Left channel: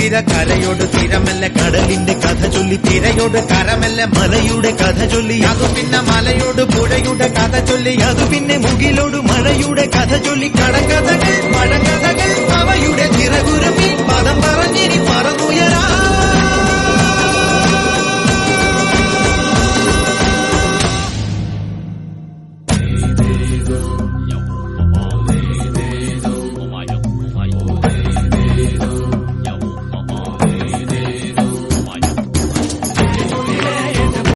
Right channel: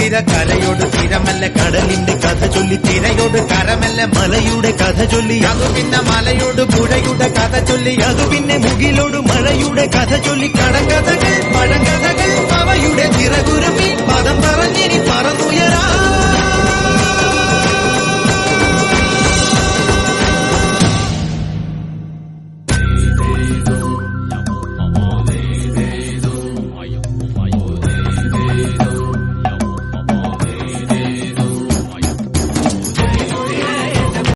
തിര കരയോട് തിരമല്ല കടലിന്റെ കഥ ചൊല്ലി തിരയോട് കരമല്ല മലയുടെ കഥ ചൊല്ലി. അതു പിന്നെ മലയോട് പുഴയുടെ കഥ ചൊല്ലി അതു പിന്നെ മുകിലോട് മഴയുടെ കഥ ചൊല്ലി. കടങ്കഥകൾ പഴങ്കഥകൾ അവയുടെ ചിറകുരമി പദം പറഞ്ഞിനി പറന്നുയരാ